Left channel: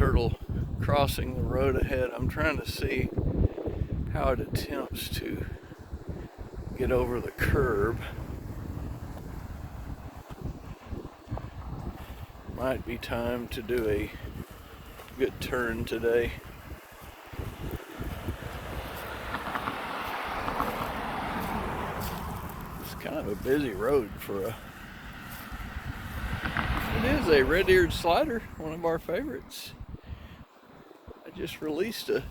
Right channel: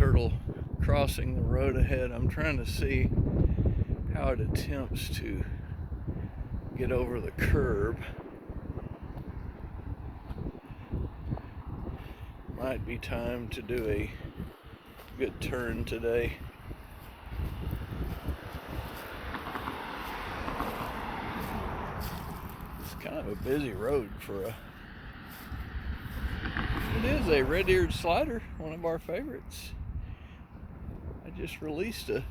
turtle crossing the road ahead. I'm trying to see how it attempts to get over the curb. Might be time to do a good turn today. It's kind of a busy road for a... It is a red-eared slider, one of our favorites. I just released a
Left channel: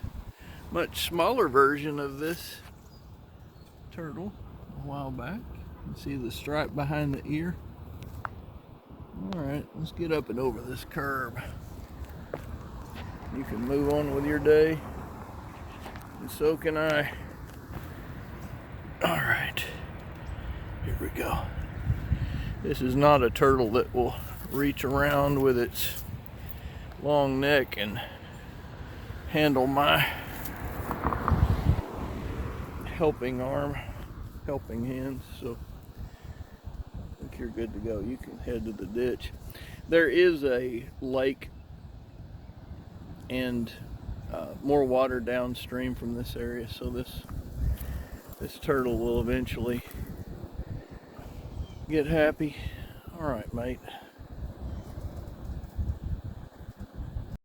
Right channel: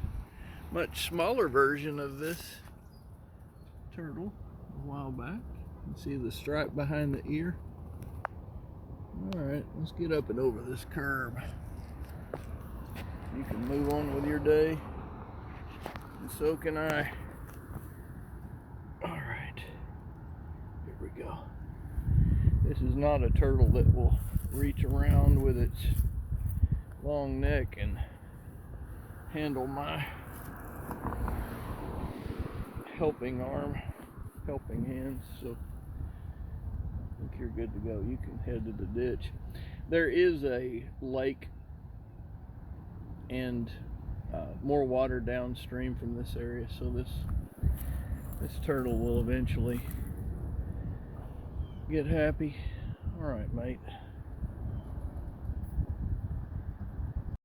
much smaller version of this turtle a while back. You can see the stripe behind the ear. Alright, let's get up and over this curb. You can move on with your day, and so can I. Alright, here we go. This is not a turtle that will reach around with its long neck and handle my helping arm, helping hands, so I think you're good to go. You can head to the ditch. There is a lake and more water downstream from this area, so this turtle will eventually get happy. All right, mate.